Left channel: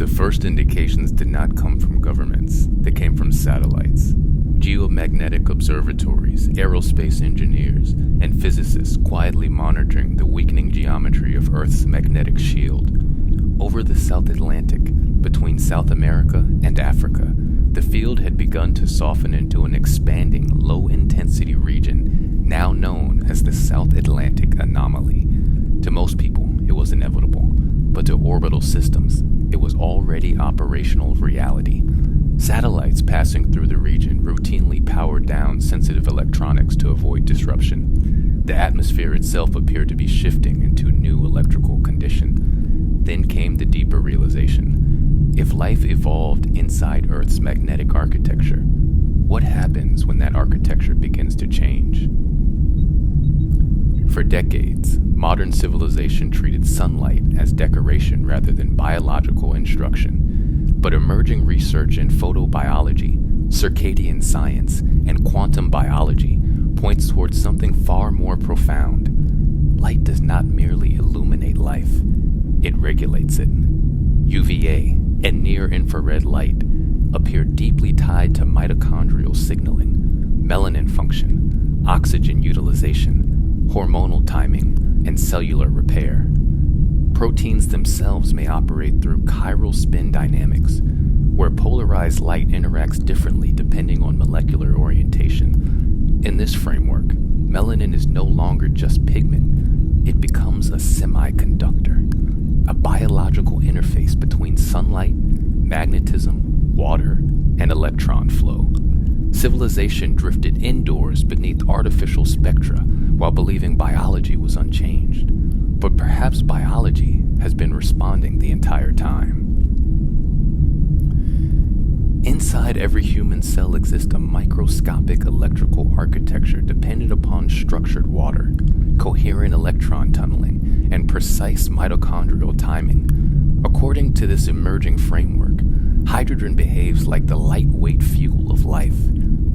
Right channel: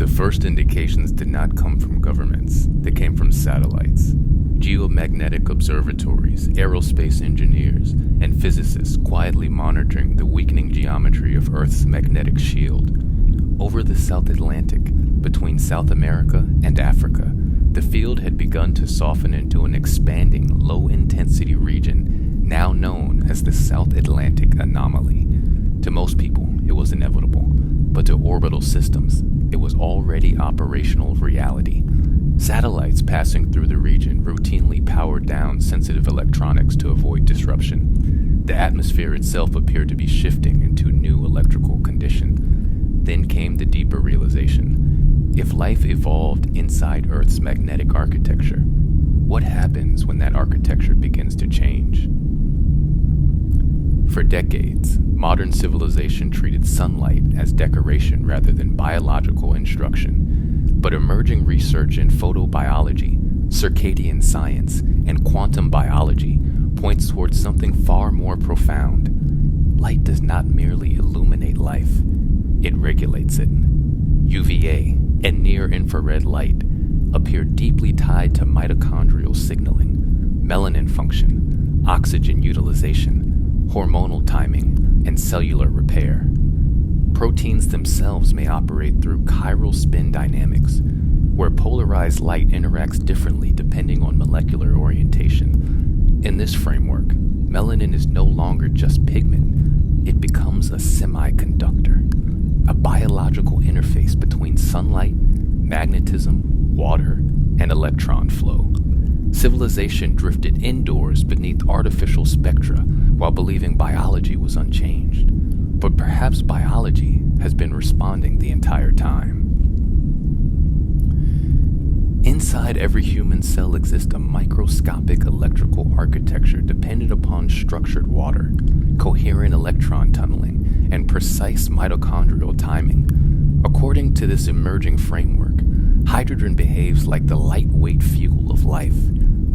The first indications did not come from governments, they came from satellites. Geomagnetic observatories, aerospace engineers, and physicists quietly monitoring the weakening geometry of Earth's magnetic shield. Over the South Atlantic, between South America and Africa, the field had begun to soften into an expanding, low-intensity region now known as the South Atlantic Anomaly. To most people, it was inevitable, but to orbital systems, it was already operational reality. Satellites passing through the region routinely powered down sensitive electronics to avoid disruption. The atmosphere itself appeared to be shifting into new electrical condition. Then came the deeper realization. If life evolved inside Earth's magnetic architecture, what happens when that architecture begins to change? For decades, modern civilization treated sunlight as decoration rather than biological instruction. But emerging research in photobiology, circadian science, and quantum biology points towards something far more profound. Light does not merely illuminate life, it regulates it. UVA and near-infrared light appear deeply tied to mitochondrial signaling, melanin function, oxygen utilization, hormonal timing, and cellular repair. Proteins themselves may operate through chiral spin dynamics, where polarized light interacts differently depending on molecular orientation. In this framework, melanin is no longer just pigment, it becomes a semiconductor, a biological interface between sunlight, magnetism, water, and electron flow. Civilization drifted indoors beneath artificial spectra while believing biology was unchanged. But perhaps biology has been responding the entire time. Inside every human cell exists a microscopic electrical architecture dependent upon structured water, coherent electron tunneling, and precise mitochondrial timing. According to this emerging framework, hydrogen behaves like the lightweight fuel of life,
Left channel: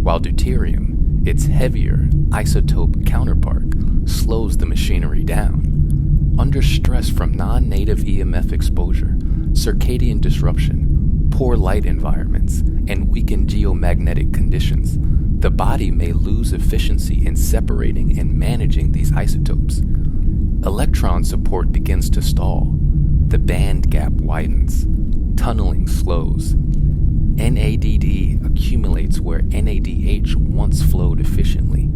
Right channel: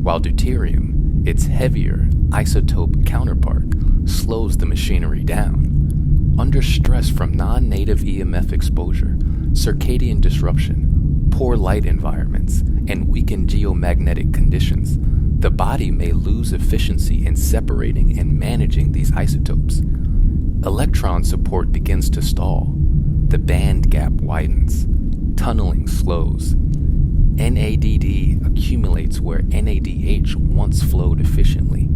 while deuterium, its heavier isotope counterpart, slows the machinery down. Under stress from non-native EMF exposure, circadian disruption, poor light environments, and weakened geomagnetic conditions, the body may lose efficiency in separating and managing these isotopes. Electron support begins to stall. The band gap widens. Tunneling slows. NADD accumulates where NADH once flowed efficiently.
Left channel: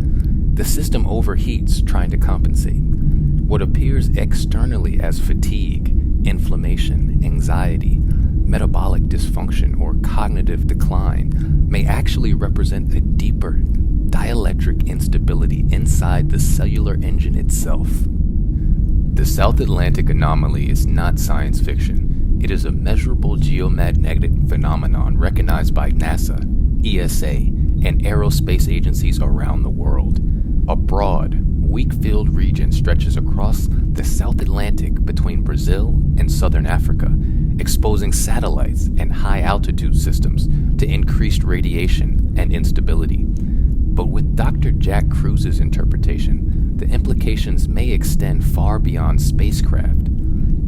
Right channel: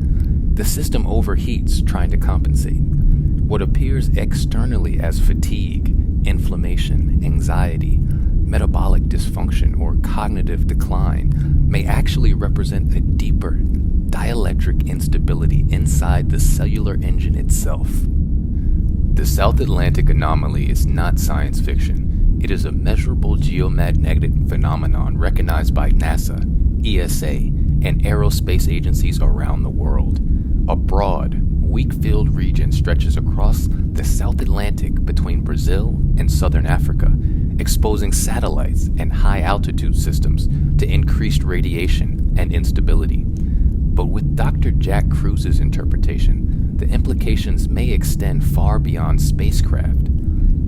The system overheats trying to compensate. What appears externally as fatigue, inflammation, anxiety, metabolic dysfunction, or cognitive decline may actually represent a deeper dielectric instability inside the cellular engine itself. The South Atlantic Anomaly is not science fiction. It is a measurable geomagnetic phenomenon recognized by NASA, ESA, and aerospace agencies around the world. A broad, weak-filled region stretches across the South Atlantic between Brazil and southern Africa, exposing satellites and high-altitude systems to increased radiation and instability. But with Dr. Jack Kruse's interpretation, the implications may extend far beyond spacecraft.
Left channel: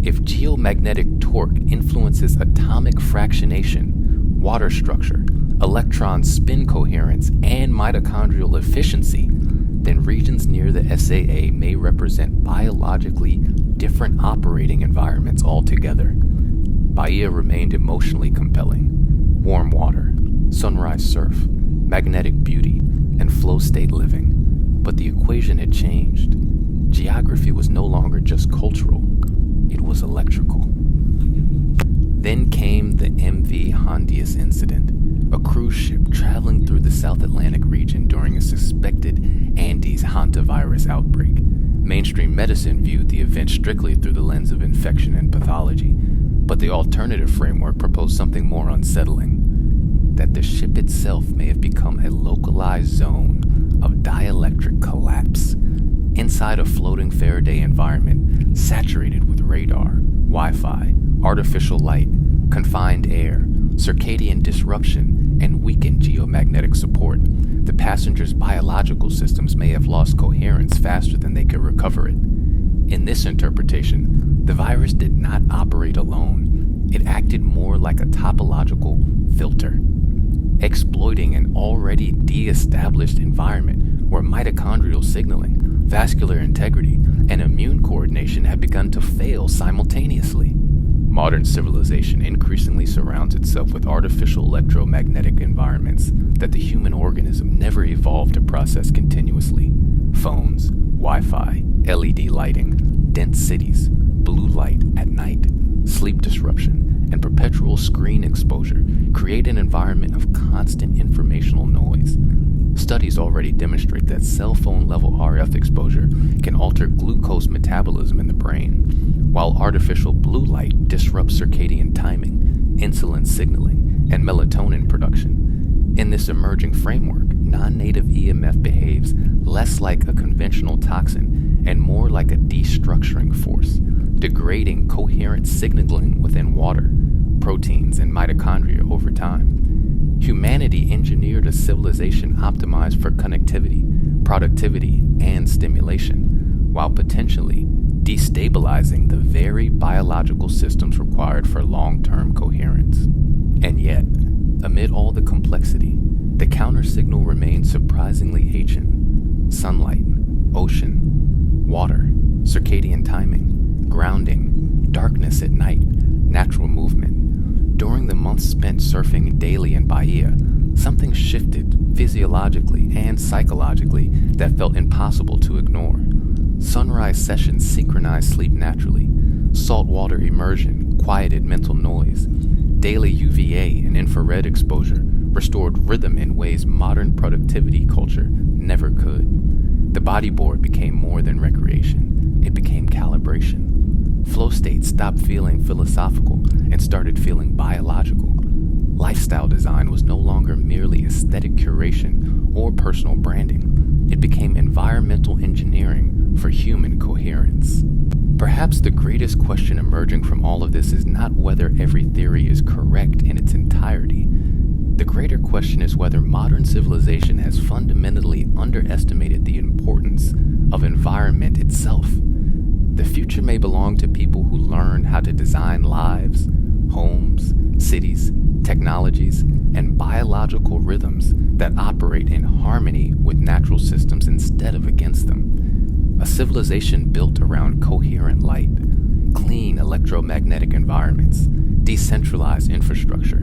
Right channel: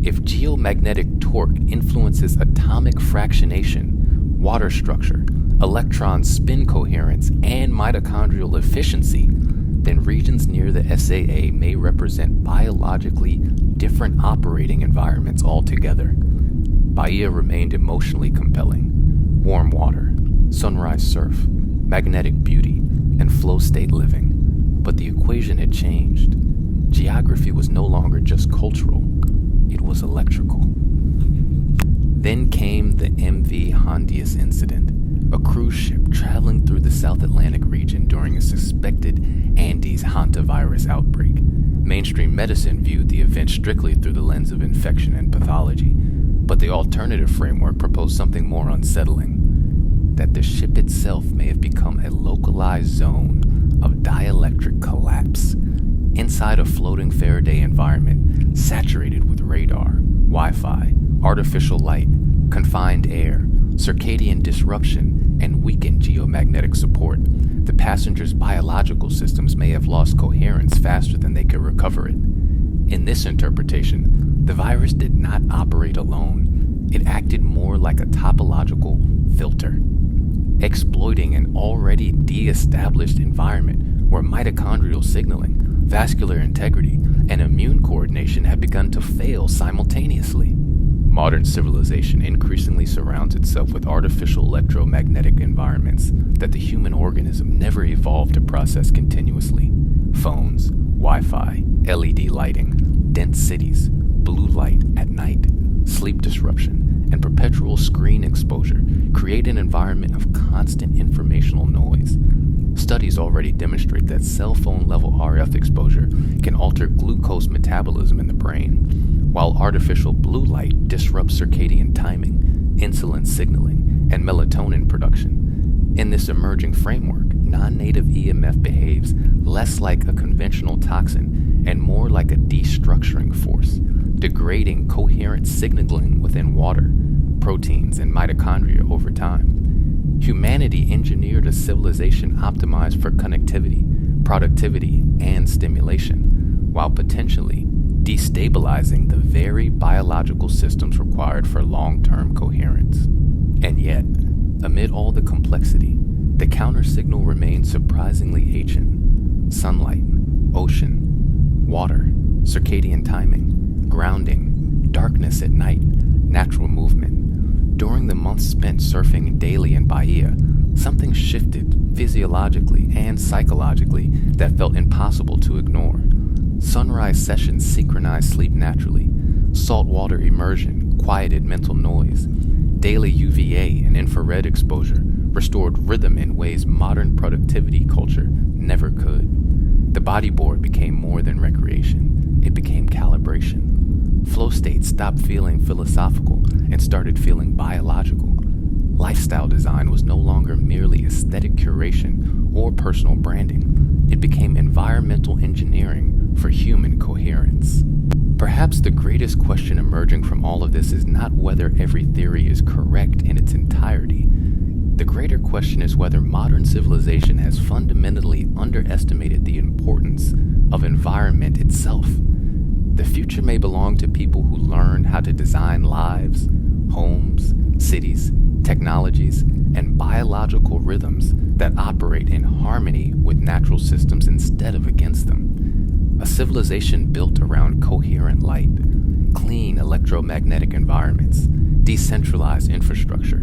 If geomagnetic torque influences atomic fractionation, water structure, electron spin coherence, and mitochondrial efficiency, then regions near the SAA may represent biologically different operating environments altogether. Bahia remained emotionally compelling. Warm water, sunrise surf, magnetic beauty, and flow state living. But the equation had changed. Geography was no longer just cultural, it was electrical. Then came the MV Hondius incident, a cruise ship traveling through the South Atlantic region during a suspected Andes Hantavirus outbreak. Mainstream medicine viewed the event strictly through the lens of infection and pathology, but the alternative framework proposed something more unsettling, that the ship itself may have become a localized zone of dielectric collapse inside a floating Faraday environment saturated with radar, Wi-Fi, artificial light, confined air, circadian disruption, and weakened geomagnetic support. The passengers' biological systems may have lost coherence faster than they could recover it. In this interpretation, the virus did not operate alone. It acted more like a topological filter, exploiting an already de-established environment where mitochondrial signaling, vascular integrity, and immune coordination have begun to fail simultaneously. Modern civilization increasingly surrounds itself with artificial electromagnetic environments that the human organism never evolved to process continuously. Phones, Wi-Fi, LED lighting, dense cities, blue light at night, sleep disruption, and perpetual screen exposure create an environment of constant informational noise. Studies already demonstrate that cell phone level RF exposure can alter glucose metabolism in the brain, while artificial blue light disrupts circadian timing, insulin signaling, and melatonin production. In this emerging framework, non-native EMF behaves less like a conventional toxin and more like a destructuring force, degrading coherent signaling within water, proteins, and mitochondria over time. Humanity engineered a civilization optimized for connectivity, productivity, and stimulation, while potentially destabilizing the very biological systems required for long-term coherence. And yet, amid all the complexity, the counter-signal remains surprisingly ancient. Sunlight, ocean, water, circadian timing, grounding, darkness at night, natural movement. During the months spent surfing daily in Bahia, something shifted physiologically and psychologically that felt impossible to ignore. Sunrise sessions synchronized sleep naturally. Saltwater immersion quieted mental noise. Daily UVA and infrared exposure restored rhythm in ways modern productivity culture never could. The bodyboard became more than recreation. It became calibration. Flow state stopped feeling philosophical and started feeling biological. Lifestyle design was no longer merely aesthetic curation or personal branding. It became environmental engineering for human coherence. Perhaps the greatest question emerging from all of this is not whether every theory is correct in its entirety. The greater question is whether modern civilization has fundamentally underestimated the importance of environment itself. The future may belong to people who learn how to design lives, homes, cities, technologies, and biological rhythms that operate in harmony with natural systems instead of against them. A civilization built around coherent light, clean electromagnetic environments, decentralized infrastructure,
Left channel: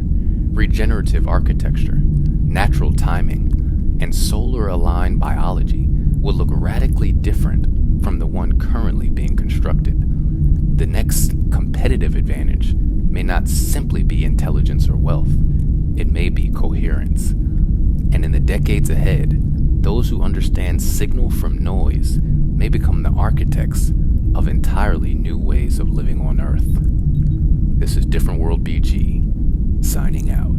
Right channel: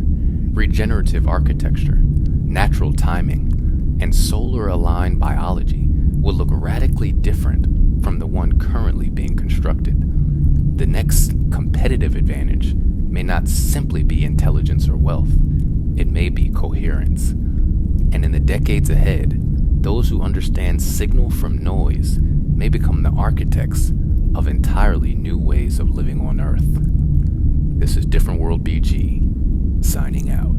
regenerative architecture, natural timing, and solar-aligned biology will look radically different from the one currently being constructed. The next competitive advantage may not simply be intelligence or wealth. It may be coherence. And in the decades ahead, those who understand signal from noise may become the architects of entirely new ways of living on Earth. This is Different World BG, signing out.